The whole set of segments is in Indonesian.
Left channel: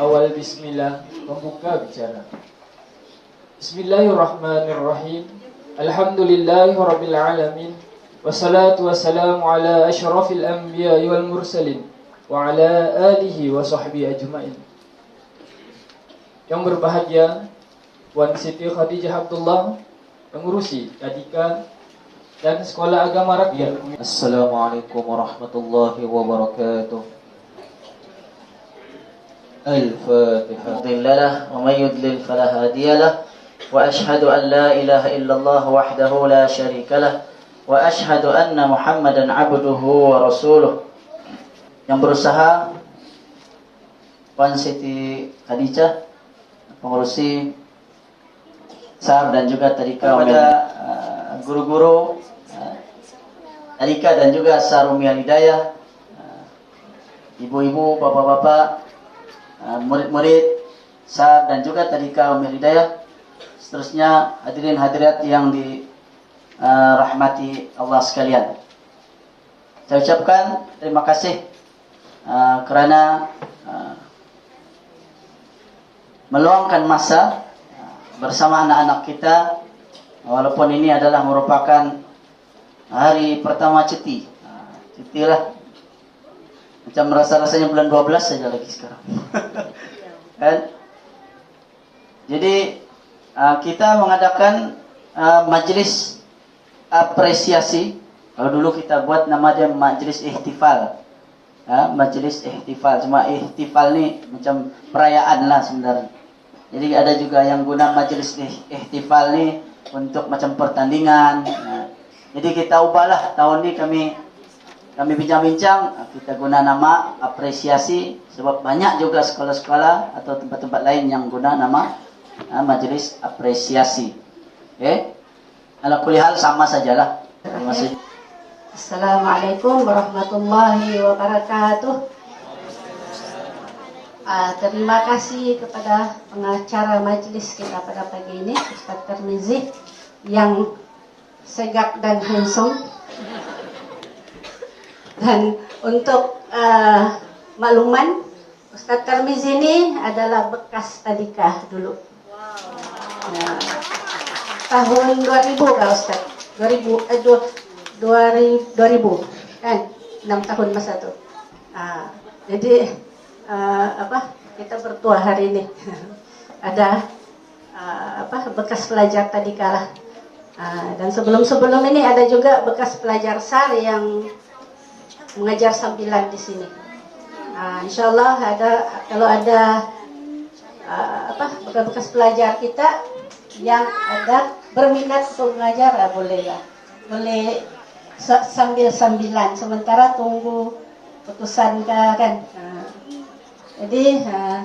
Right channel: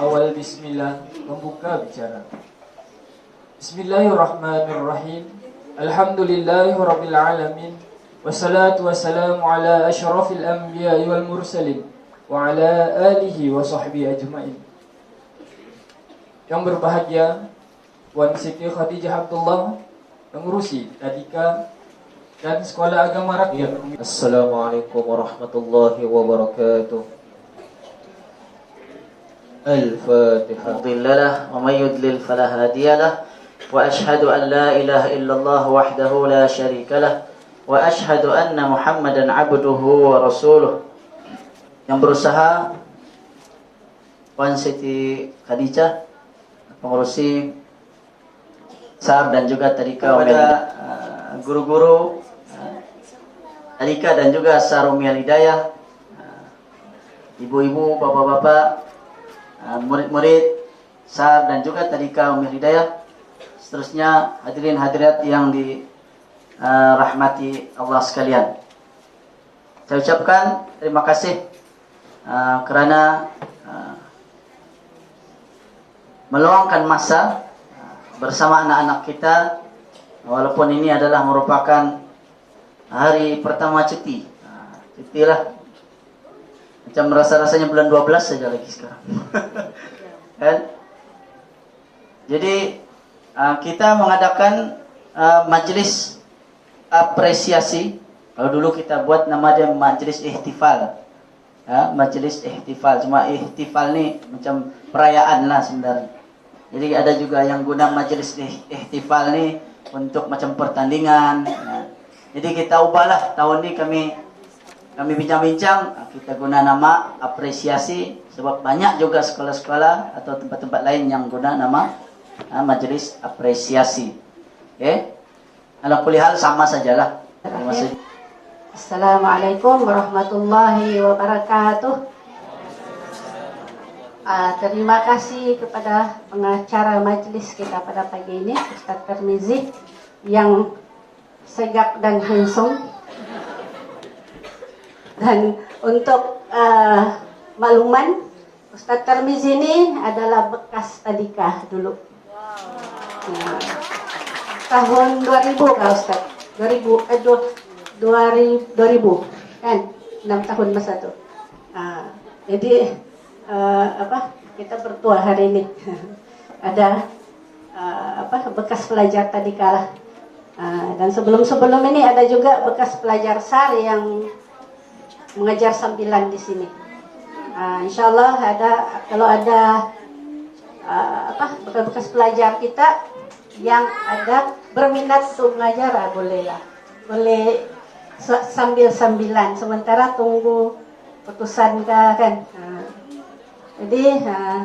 awal bismillah membuka bicara. Bismillahirrahmanirrahim. Alhamdulillahi rabbil alamin. Wassalatu wassalamu ala asyrafil anbiya'i wal mursalin wa ala alihi wa sahbihi ajmain. Yang berbahagia Wan Siti Khadijah Abdullah pengurusi Tadika dan Sekolah Agama Rakyat. Assalamualaikum warahmatullahi wabarakatuh. الفاتحة مضل له ومن يضلل فلا هادي له وأشهد أن لا إله إلا الله وحده لا شريك له وأشهد أن محمدا عبده ورسوله yang berusaha Puan Siti Khadijah pengurusi SAR dan juga Tarika kepada uh, guru-guru uh, Tarika dan juga Sarumia Lidayah uh, ibu-ibu, bapak-bapak murid-murid SAR dan juga Tadika Umi Hidayah seterusnya hadirin hadirat yang dirahmati Allah sekalian. Saya ucapkan terima kasih uh, kerana uh, meluangkan masa uh, bersama anak-anak kita. Walaupun ini adalah merupakan hari pertama cuti. Uh, cuti lah macam rasa-rasanya bulan 12 saja lagi sekarang. Kan? Jadi uh, kita mengadakan uh, majlis apresiasi. Kalau dulu kita buat nama dia majlis ihtifal. Ya, majlis ihtifal. Cuma ihtifal ni macam perayaan lah sebenarnya. Jadi ada juga yang guna majlis ihtifal ni untuk macam pertandingan. Nah, jadi kita ubahlah. Tahun ni kami kami bincang-bincang kita guna nama apresiasi sebab banyak juga sekolah-sekolah atau tempat-tempat lain yang guna nama uh, majlis apresiasi. Okay? Ala kulihal sama sajalah. Terima kasih. Assalamualaikum warahmatullahi wabarakatuh. Uh, terima kasih kepada pengacara majlis kita pada pagi ini, Ustaz Termizi, yang segak dan handsome. Dan untuk uh, makluman, Ustaz Termizi ini adalah bekas tadika dulu. Uh, tahun 2000 kah Ustaz? 2000, eh, 2000, 2000 kan? 6 tahun masa itu. Uh, jadi, uh, apa kita bertua hari ini ada uh, apa bekas pelajar tadi kalah uh, dan sebelum sebelum ini ada juga bekas pelajar sar yang mengajar sambilan di sini. Uh, insyaallah ada kalau ada uh, apa bekas-bekas pelajar kita yang ada berminat untuk mengajar uh, boleh lah. Sambil sambilan sementara tunggu putusan kan? Uh, jadi uh,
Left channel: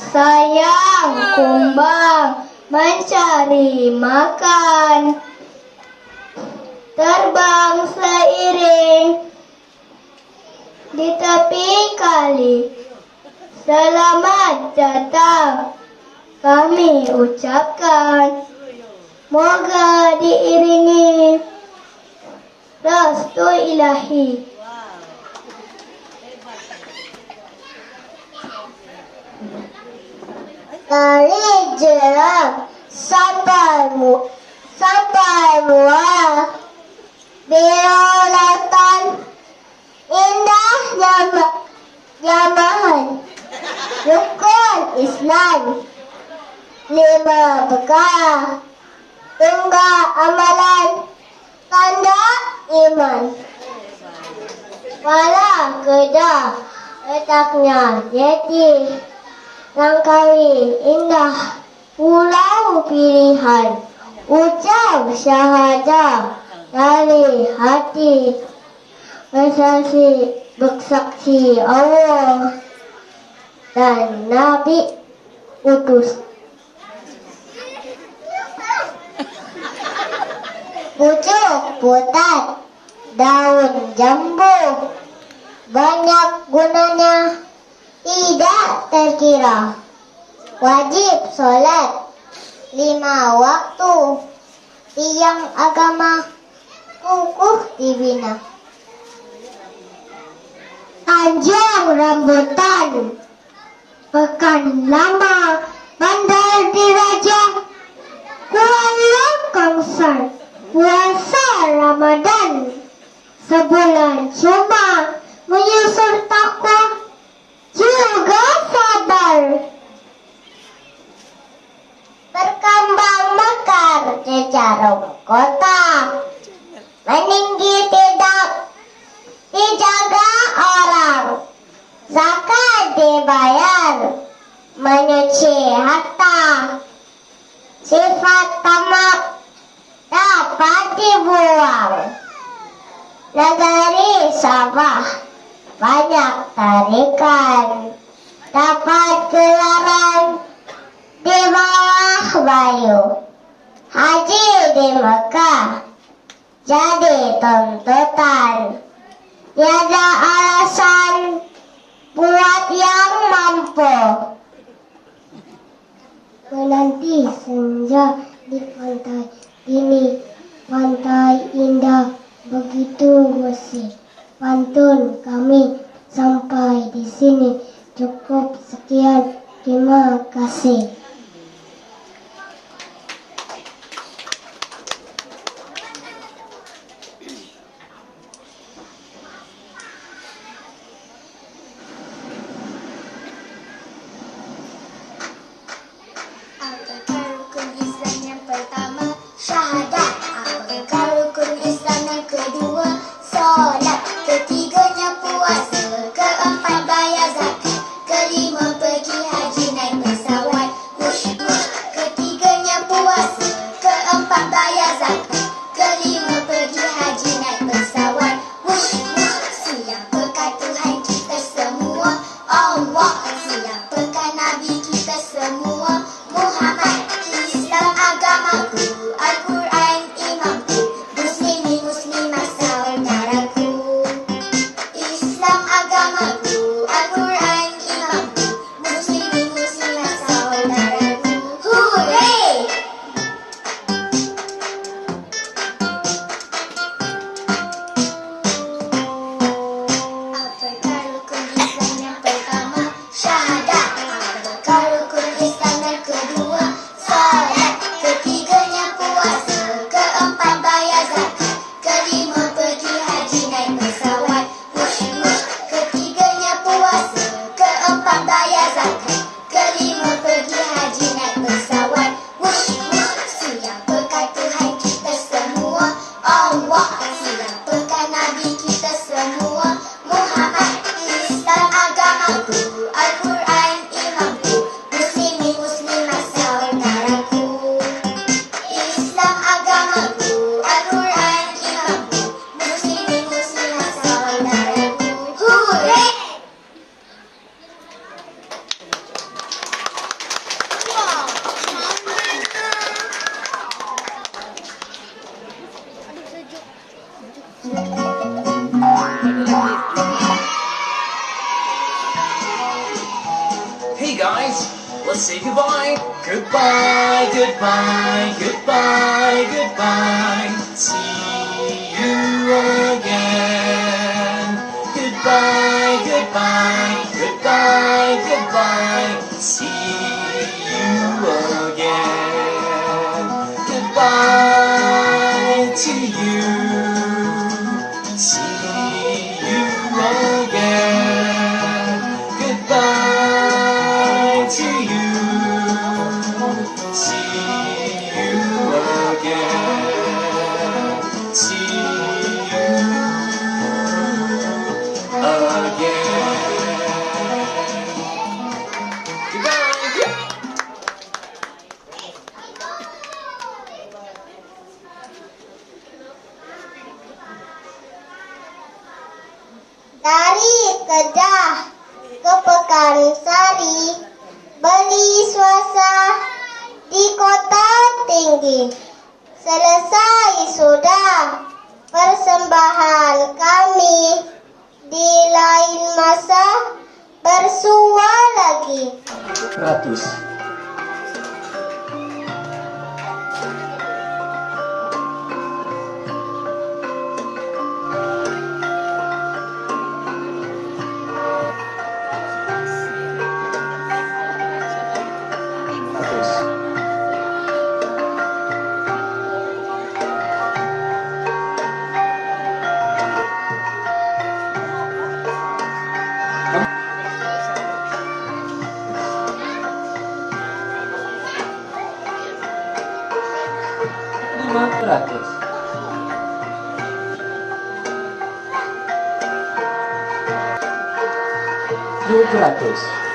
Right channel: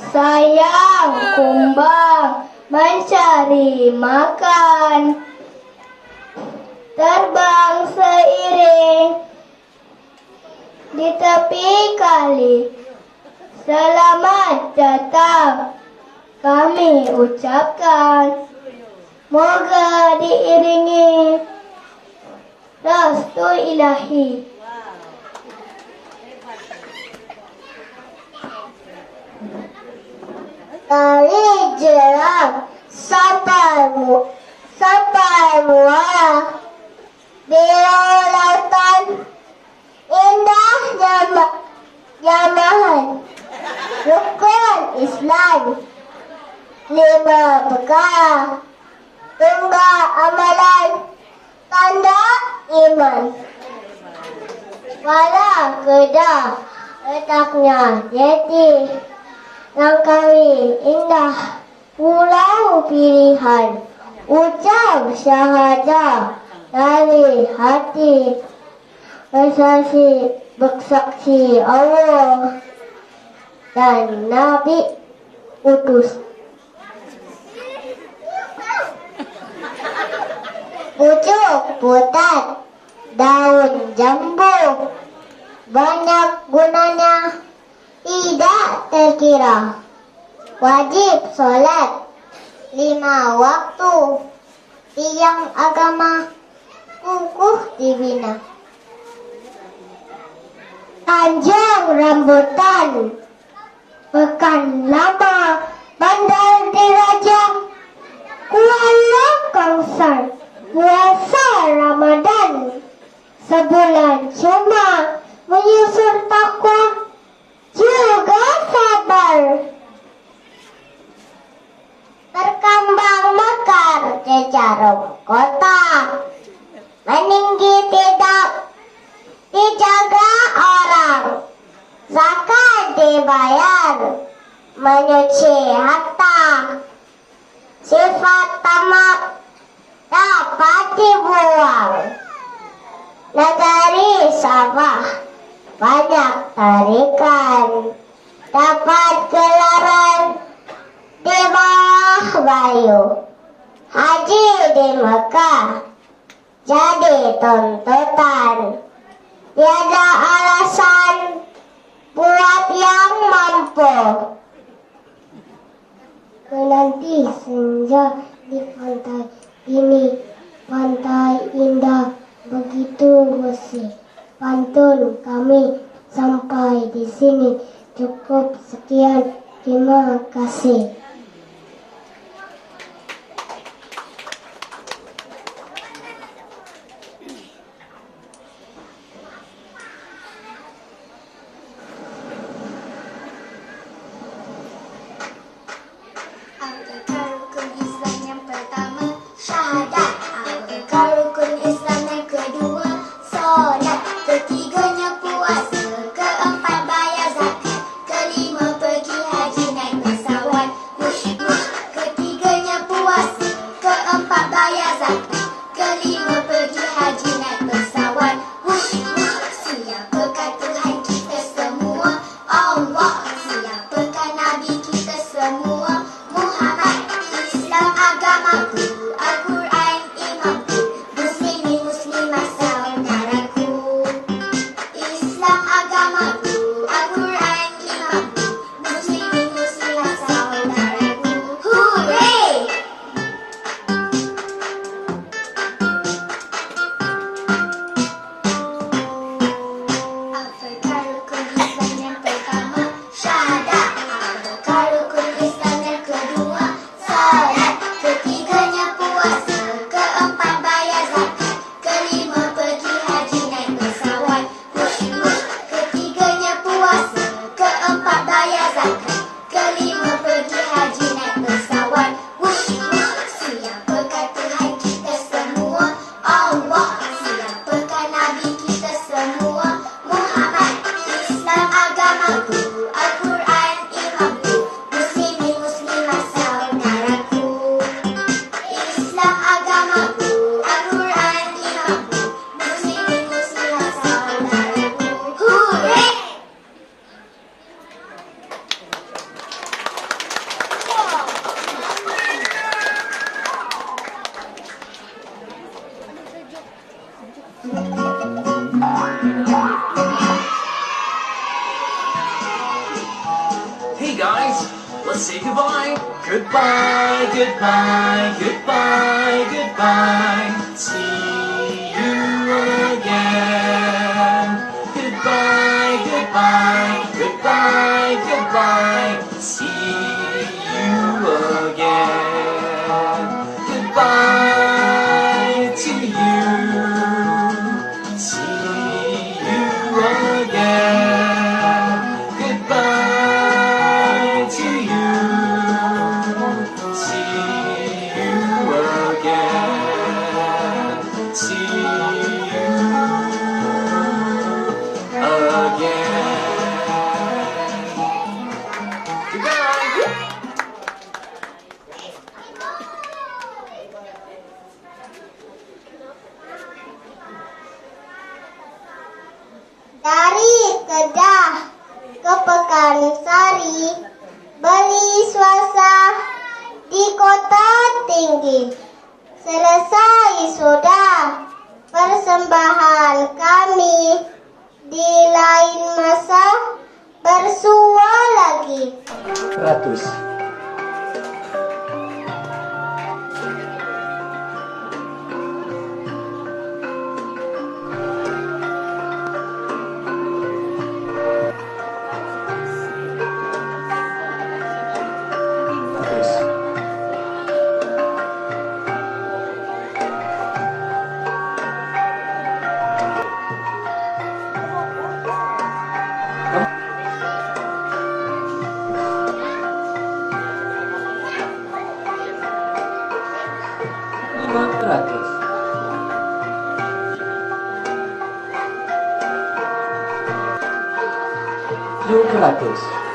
sayang kumbang mencari makan. Terbang seiring di tepi kali. Selamat datang kami ucapkan. Moga diiringi restu ilahi Ali jeram sampai mu sampai muah Berolatan indahnya nyaman Rukun Islam Lima bekal Tunggu amalan Tanda iman. Walau kedah Letaknya jadi Langkawi indah Pulau pilihan. Ucap syahadah Dari hati Bersaksi Bersaksi Allah Dan Nabi Utus. Pucuk putat Daun jambu Banyak gunanya tidak terkira. Wajib sholat lima waktu. Tiang agama kukuh dibina. Panjang rambutan, pekan lama, bandar dirajang, kuala kangsar, puasa Ramadan, sebulan cuma menyusun takwa juga sabar. Berkembang mekar jarum kota. Meninggi tidak dijaga orang. Zakat dibayar. Menyuci harta. Banyak tarikan. Dapat gelaran di bawah bayu. Haji di Mekah. Jadi tuntutan. Tiada alasan buat yang mampu. Menanti senja di pantai ini. Pantai indah begitu bersih pantun kami sampai di sini. Cukup sekian. Terima kasih Bye. Kedah, ke Pekansari, beli suasa di kota tinggi. Selesai sudah persembahan kami di lain masa bersua lagi. 100 place.